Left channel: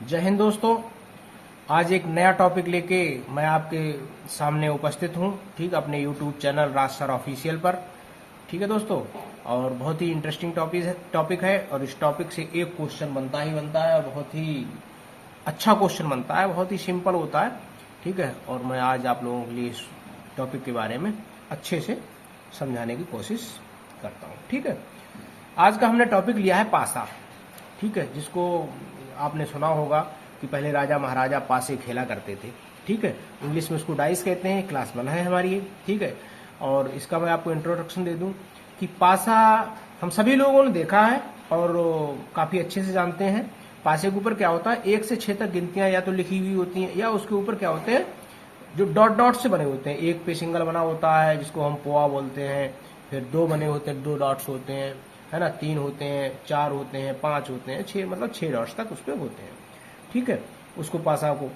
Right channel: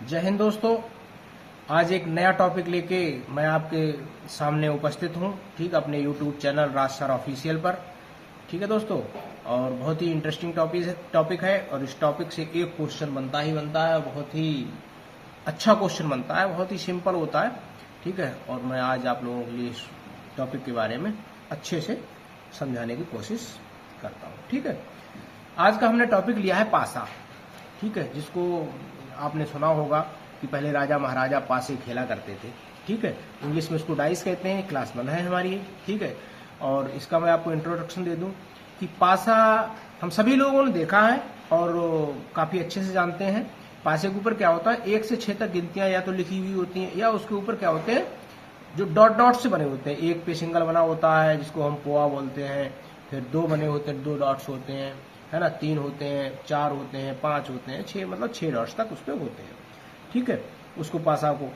जय हिंद दोस्तों। आज एक नया टॉपिक लेके मैं आपके सामने उपस्थित हूँ। ठीक, अपने YouTube चैनल राज सर ऑफिशियल पर। ठीक है दोस्तों, और बहुत ही इंटरेस्टिंग टॉपिक है और इस टॉपिक से एक क्वेश्चन बनता ही बनता है। बहुत ही अच्छा क्वेश्चन बनता है, बहुत ही सिंपल होता है। ठीक है, और मैं आज आप लोगों के लिए इस टॉपिक के बारे में अच्छे से समझाने की कोशिश करता हूँ। ठीक है, आज का हमने टॉपिक लिया है पासा। ठीक है, जिसको आपने सुना होगा कि पहले राजा महाराजा पासे खेला करते थे। ठीक है, इंग्लिश में इसको डाइस कहते हैं। क्लास 1 है हमारी ये। ठीक है, और इसका मैं आपको इंट्रोडक्शन दे दूं कि पासा हम सभी लोगों ने देखा है और काफी अच्छे से जानते हैं। पासे के ऊपर क्या होता है, 1 से 6 तक गिनतियां या तो लिखी हुई होती हैं या उसके ऊपर क्या होते हैं, जो डॉट डॉट से बने होते हैं। एक पे सिंगल बना होता है जिसको हम पोआ बोलते हैं, फिर 2 बने होते हैं, 2 डॉट्स होते हैं, है ना, 3 होते हैं, 4 होते हैं, 5 होते हैं, 6 मतलब 6 डॉट्स तक उस पर होते हैं। ठीक है, उसको पासा को,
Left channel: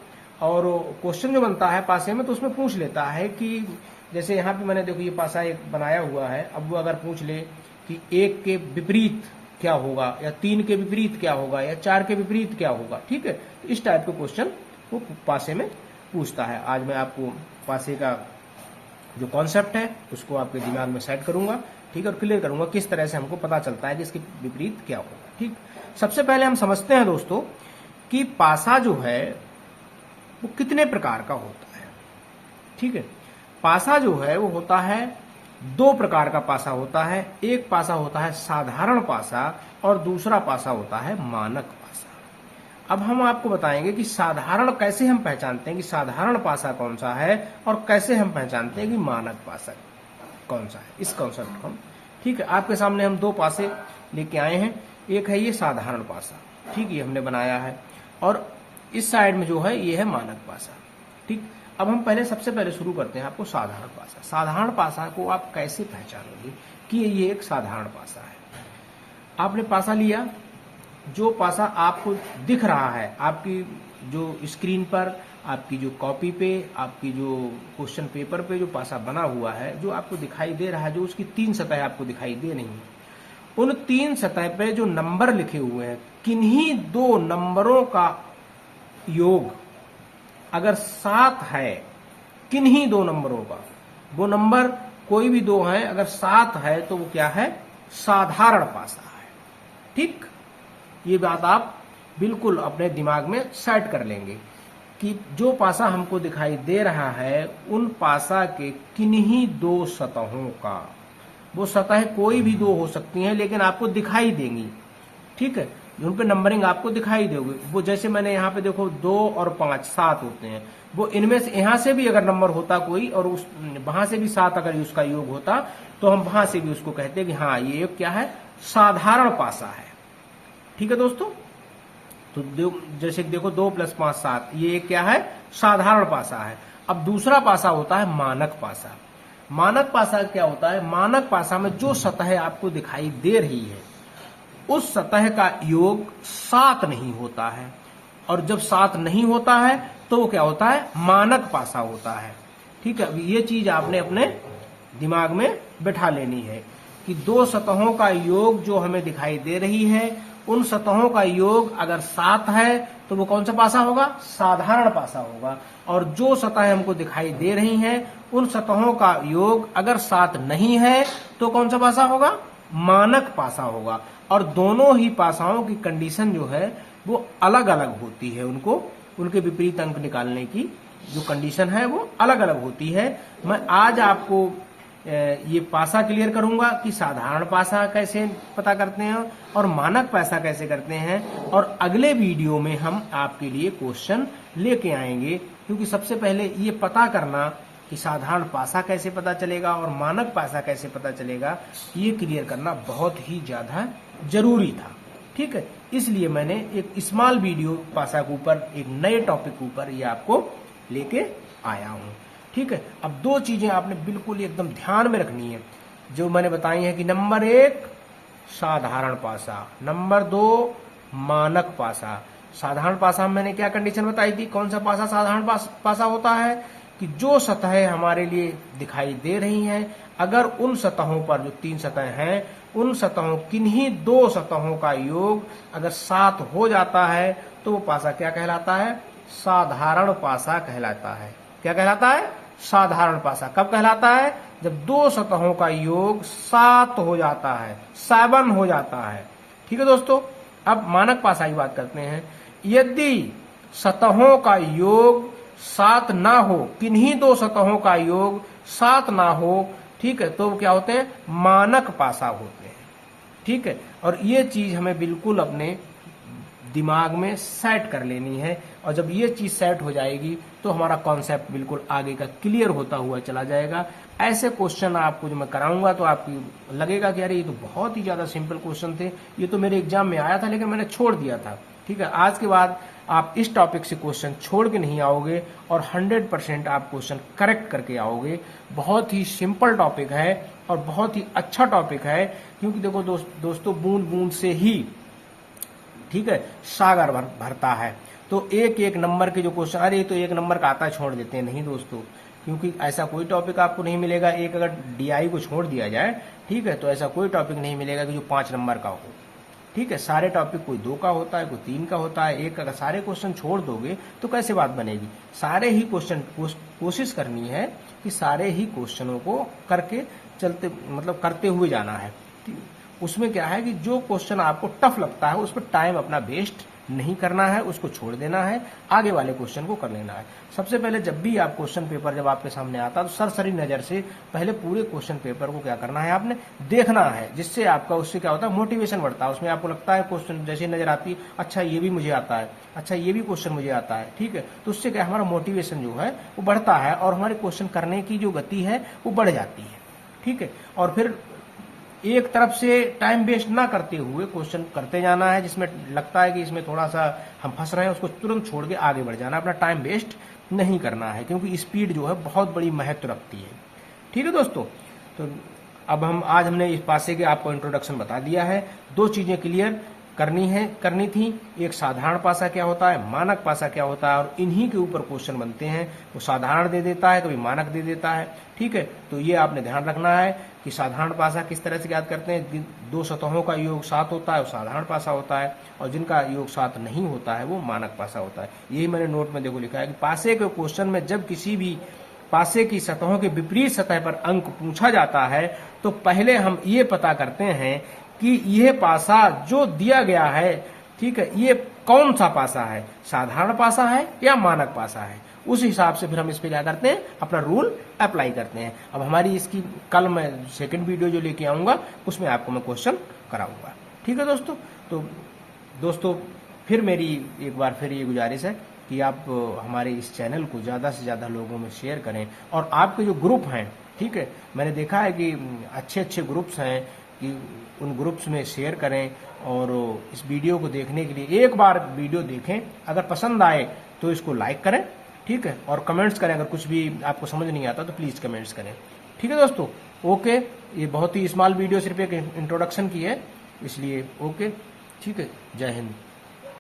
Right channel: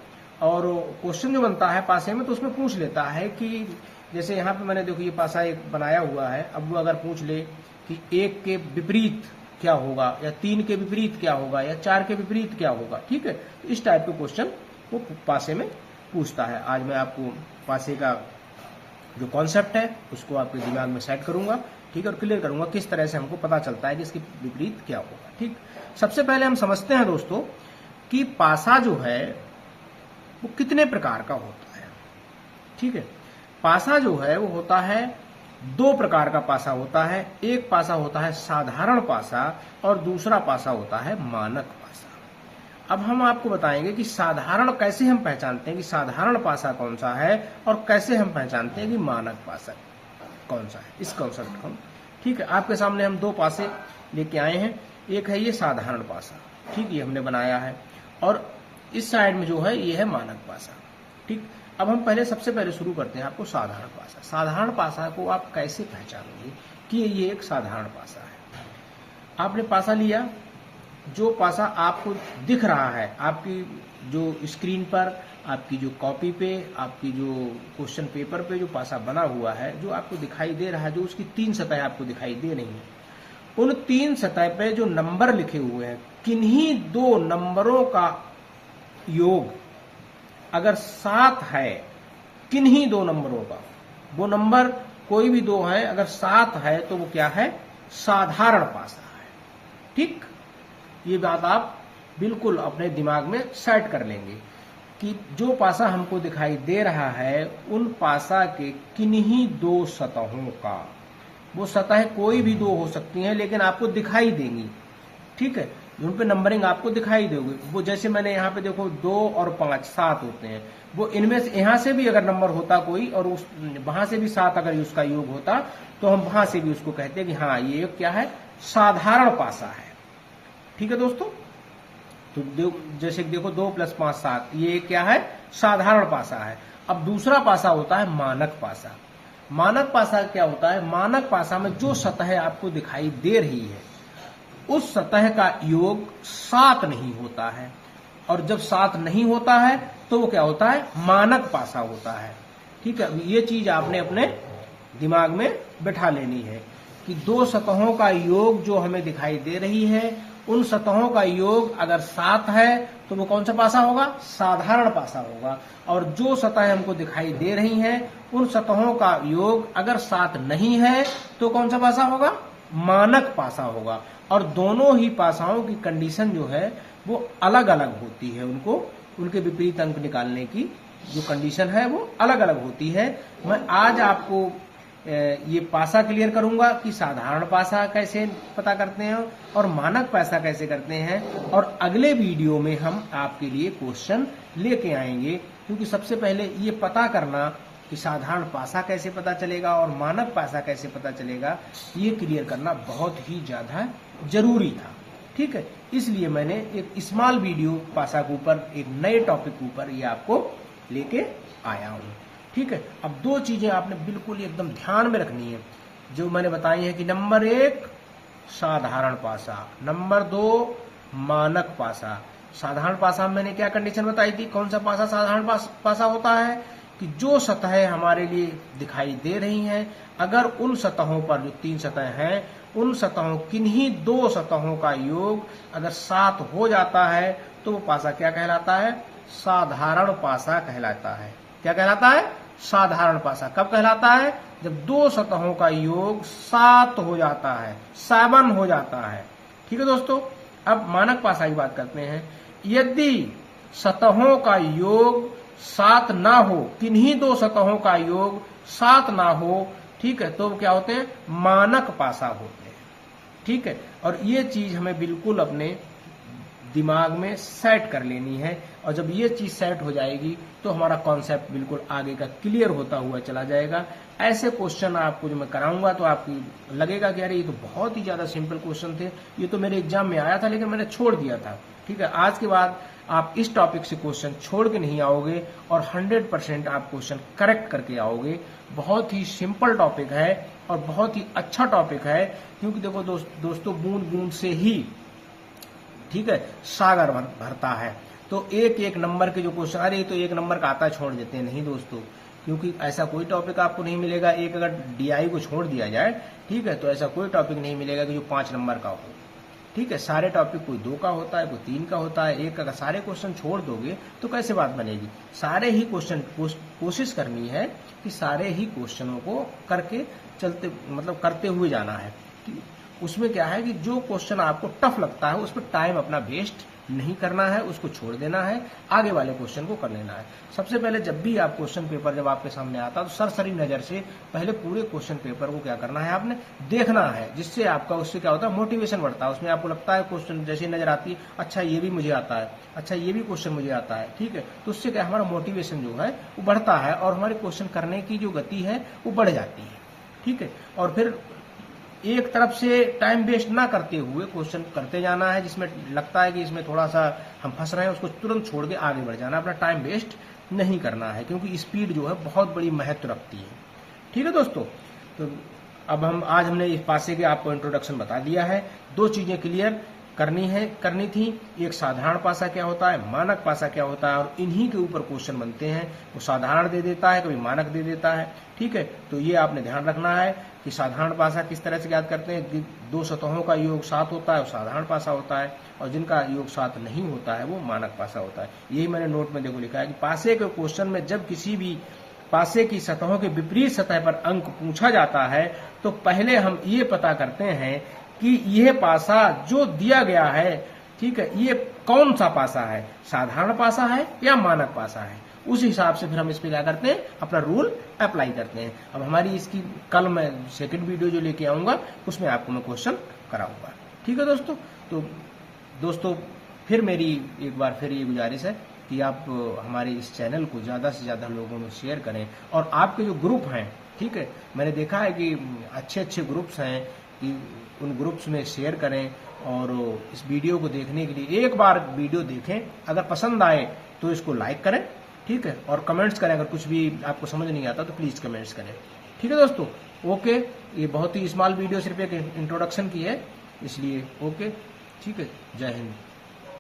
और क्वेश्चन जो बनता है पासे में तो उसमें पूछ लेता है कि जैसे यहाँ पे मैंने देखो ये पासा एक बनाया हुआ है। अब वो अगर पूछ ले कि 1 के विपरीत क्या होगा, या 3 के विपरीत क्या होगा, या 4 के विपरीत क्या होगा। ठीक है, इस टाइप के क्वेश्चन वो पासे में पूछता है। आज मैं आपको पासे का जो कॉन्सेप्ट है उसको आपके दिमाग में सेट करूंगा। ठीक है, और क्लियर करूंगा किस तरह से हमको पता चलता है कि इसके विपरीत क्या होगा। ठीक, सबसे पहले हम समझते हैं दोस्तों कि पासा जो है वो कितने प्रकार का होता है। ठीक है, पासा जो है वो होता है 2 प्रकार का पासा होता है। एक पासा होता है साधारण पासा और दूसरा पासा होता है मानक पासा। अब हम आपको बताएंगे कि साधारण कैसे हम पहचानते हैं कि साधारण पासा कौन सा है और कैसे हम पहचानते हैं कि मानक पासा कौन सा है, इस कॉन्सेप्ट को हम। ठीक है, आपके सामने हम 2 पासे लेके आए हैं। एक है ये साधारण पासा, ठीक, ये हमने बनाया है, और इस साइड में जो है ये है मानक पासा। ठीक, अब हम सबसे पहले शुरू करते हैं आपको साधारण पासा। साधारण पासा को आप कैसे पहचानेंगे कि ये एक साधारण पासा है। आपने पासा लिया, जो पासा आपको दिख रहा है आपकी जो स्क्रीन पर, आपकी जो कॉपी पे, आपकी जो क्वेश्चन पेपर पे जो पासा बना हुआ है, जो आपको दिखाई दे रहा है, जो उसकी 3 सतह आपको दिखाई दे रही है, उन 3 सतह पे जो नंबर लिखे हुए हैं, किन्हीं 2 नंबरों का योग अगर 7 है, किन्हीं 2 नंबरों का, वो नंबर कोई भी 2 है, अगर 7 है तो वो क्या है, साधारण पासा है। ठीक, ये बात आप बिल्कुल अपने दिमाग में सेट कर लेंगे कि जो पासा हमको दिखाई दे रहा है उन पासा के किन्हीं 2 सतहों का, वो सतह कोई भी 2 हो सकती हैं लेकिन आपको दिखाई देंगी। ठीक है, उन पे नंबरिंग आपको दिखाई देगी। वो जैसे मैंने यहाँ पे देखो 2 और 5 7 होते हैं, वो इनमें से यहाँ से भी अगर नंबर होता कोई और उस वहां से भी 7 अगर उसका योग होता तो हम वहां से भी उसको कहते हैं कि हाँ ये एक क्या है, साधारण पासा है। ठीक है दोस्तों, तो जैसे देखो 2 + 5 7, ये क्या है, साधारण पासा है। अब दूसरा पासा होता है मानक पासा। मानक पासा क्या होता है, मानक पासा में जो सतह आपको दिखाई दे रही है उस सतह का योग 7 नहीं होता है, और जब 7 नहीं होता है तो वो क्या होता है, मानक पासा होता है। ठीक है, ये चीज आपने अपने दिमाग में बैठा लेनी है कि 2 सतहों का योग जो हमें दिखाई दे रही है, उन सतहों का योग अगर 7 है तो वो कौन सा पासा होगा, साधारण पासा होगा। और जो सतह हमको दिखाई दे रही हैं उन सतहों का योग अगर 7 नहीं है तो कौन सा पासा होगा, मानक पासा होगा। और दोनों ही पासाओं की कंडीशन जो है वो अलग अलग होती है, उनको उनके विपरीत अंक निकालने की जो कंडीशन है वो अलग अलग होती है। मैं आज आपको ये पासा क्लियर करूंगा कि साधारण पासा कैसे पता करते हैं और मानक पासा कैसे करते हैं, और अगले वीडियो में हम आपके लिए क्वेश्चन लेके आएंगे। क्योंकि सबसे पहले ये पता करना कि साधारण पासा कैसे पता चलेगा और मानक पासा कैसे पता चलेगा, ये क्लियर करना बहुत ही ज्यादा जरूरी था। ठीक है, इसलिए मैंने एक स्मॉल वीडियो पासा के ऊपर, एक नए टॉपिक के ऊपर ये आपको लेके आया हूँ। ठीक है, अब 2 चीजें आपने बिल्कुल एकदम ध्यान में रखनी है जो मैंने बताई है कि नंबर 1 साधारण पासा, नंबर 2 मानक पासा। साधारण पासा में मैंने क्या कंडीशन बताई थी, कौन सा पासा साधारण पासा होता है कि जो सतहें हमारे लिए दिखाई दे रही हैं, अगर उन सतहों पर जो 3 सतहें हैं, उन सतहों किन्हीं 2 सतहों का योग अगर 7 हो जाता है तो वो पासा क्या कहलाता है? साधारण पासा कहलाता है। क्या कहलाता है? साधारण पासा। कब कहलाता है? जब 2 सतहों का योग 7 हो जाता है, 7 हो जाता है। ठीक है दोस्तों, अब मानक पासा की बात करते हैं। यदि सतहों का योग 7 ना हो, किन्हीं 2 सतहों का योग 7 ना हो, ठीक है, तो क्या होते हैं? मानक पासा होते हैं। ठीक है, और ये चीज हमें बिल्कुल अपने दिमाग में सेट कर लेनी है, और जब ये चीज सेट हो जाएगी तो हमारा कॉन्सेप्ट बिल्कुल आगे का क्लियर होता हुआ चला जाएगा। ऐसे क्वेश्चन आपको जो मैं कराऊंगा तो आपको लगेगा कि अरे ये तो बहुत ही ज्यादा सिंपल क्वेश्चन थे, ये तो मेरे एग्जाम में आया था लेकिन मैंने छोड़ दिया था। ठीक है, आज के बाद आप इस टॉपिक से क्वेश्चन छोड़ के नहीं आओगे और 100% आप क्वेश्चन करेक्ट करके आओगे। बहुत ही सिंपल टॉपिक है और बहुत ही अच्छा टॉपिक है, क्योंकि देखो दोस्तों, बूंद बूंद से ही, ठीक है, सागर भरता है। तो एक एक नंबर के जो क्वेश्चन, अरे तो 1 नंबर का आता है छोड़ देते हैं, नहीं दोस्तों, क्योंकि ऐसा कोई टॉपिक आपको नहीं मिलेगा। एक अगर डीआई को छोड़ दिया जाए, ठीक है, तो ऐसा कोई टॉपिक नहीं मिलेगा कि जो 5 नंबर का हो। ठीक है, सारे टॉपिक कोई 2 का होता है, कोई 3 का होता है, 1 का। सारे क्वेश्चन छोड़ दोगे तो कैसे बात बनेगी? सारे ही क्वेश्चन कोशिश करनी है कि सारे ही क्वेश्चनों को करके चलते, मतलब करते हुए जाना है। उसमें क्या है कि जो क्वेश्चन आपको टफ लगता है उस पर टाइम अपना वेस्ट नहीं करना है, उसको छोड़ देना है, आगे वाले क्वेश्चन को कर लेना है। सबसे पहले जब भी आप क्वेश्चन पेपर जब आपके सामने आता है तो सरसरी नजर से पहले पूरे क्वेश्चन पेपर को क्या करना है, आपने देखना है, जिससे आपका उससे क्या होता है, मोटिवेशन बढ़ता है। उसमें आपको लगता है क्वेश्चन जैसे नजर आती है, अच्छा ये भी मुझे आता है, अच्छा ये भी क्वेश्चन मुझे आता है। ठीक है, तो उससे क्या हमारा मोटिवेशन जो है वो बढ़ता है और हमारे क्वेश्चन करने की जो गति है वो बढ़ जाती है। ठीक है, और फिर एक तरफ से टाइम वेस्ट ना करते हुए क्वेश्चन करते जाना है, जिसमें लगता है कि इसमें थोड़ा सा हम फंस रहे हैं उसको तुरंत छोड़ के आगे बढ़ जाना है, अपना टाइम वेस्ट नहीं करना है, क्योंकि स्पीड जो है बहुत बड़ी महत्व रखती है। ठीक है दोस्तों, तो अब हमने इस पासे के आपको इंट्रोडक्शन बता दिया है। 2 चीजें क्लियर करनी थी, एक साधारण पासा क्या होता है, मानक पासा क्या होता है, और इन्हीं के ऊपर क्वेश्चन बनते हैं। वो साधारण दे देता है, कभी मानक दे देता है। ठीक है, तो ये आपने ध्यान रखना है कि साधारण पासा किस तरह से याद करते हैं। 2 सतहों का योग 7 होता है वो साधारण पासा होता है, और जिनका योग 7 नहीं होता है वो मानक पासा होता है। यही मैंने नोट में देखो लिखा है कि पासे के क्वेश्चन में जब किसी भी पासे की सतहों के विपरीत सतह पर अंक पूछा जाता है तो पहले हम ये पता करते हैं कि यह पासा जो दिया गया है, ठीक है, ये कौन सा पासा है, साधारण पासा है या मानक पासा है। उस हिसाब से फिर हम इस पे क्या करते हैं, अपना रूल अप्लाई करते हैं। अब हमारी इसकी कल मैं सेकंड वीडियो जो लेके आऊंगा उसमें आपको मैं क्वेश्चन कराऊंगा। ठीक है दोस्तों, तो दोस्तों फिर मेरी एक बार फिर ये गुजारिश है कि आप हमारे इस चैनल को ज्यादा से ज्यादा लोगों में शेयर करें, और आपके जो ग्रुप हैं, ठीक है, मैंने देखा है कि अच्छे ग्रुप्स हैं, कि उन ग्रुप्स में शेयर करें, और इस वीडियो को देखने के लिए एक बार वीडियो देखें, अगर पसंद आए तो इसको लाइक करें। ठीक है, और कमेंट्स करें, अगर कुछ भी आपको समझ नहीं आता तो प्लीज कमेंट्स करें। ठीक है दोस्तों, ओके, ये बहुत ही स्मॉल वीडियो सिर्फ एक इंट्रोडक्शन की है, इसलिए ओके, ठीक है, जय हिंद।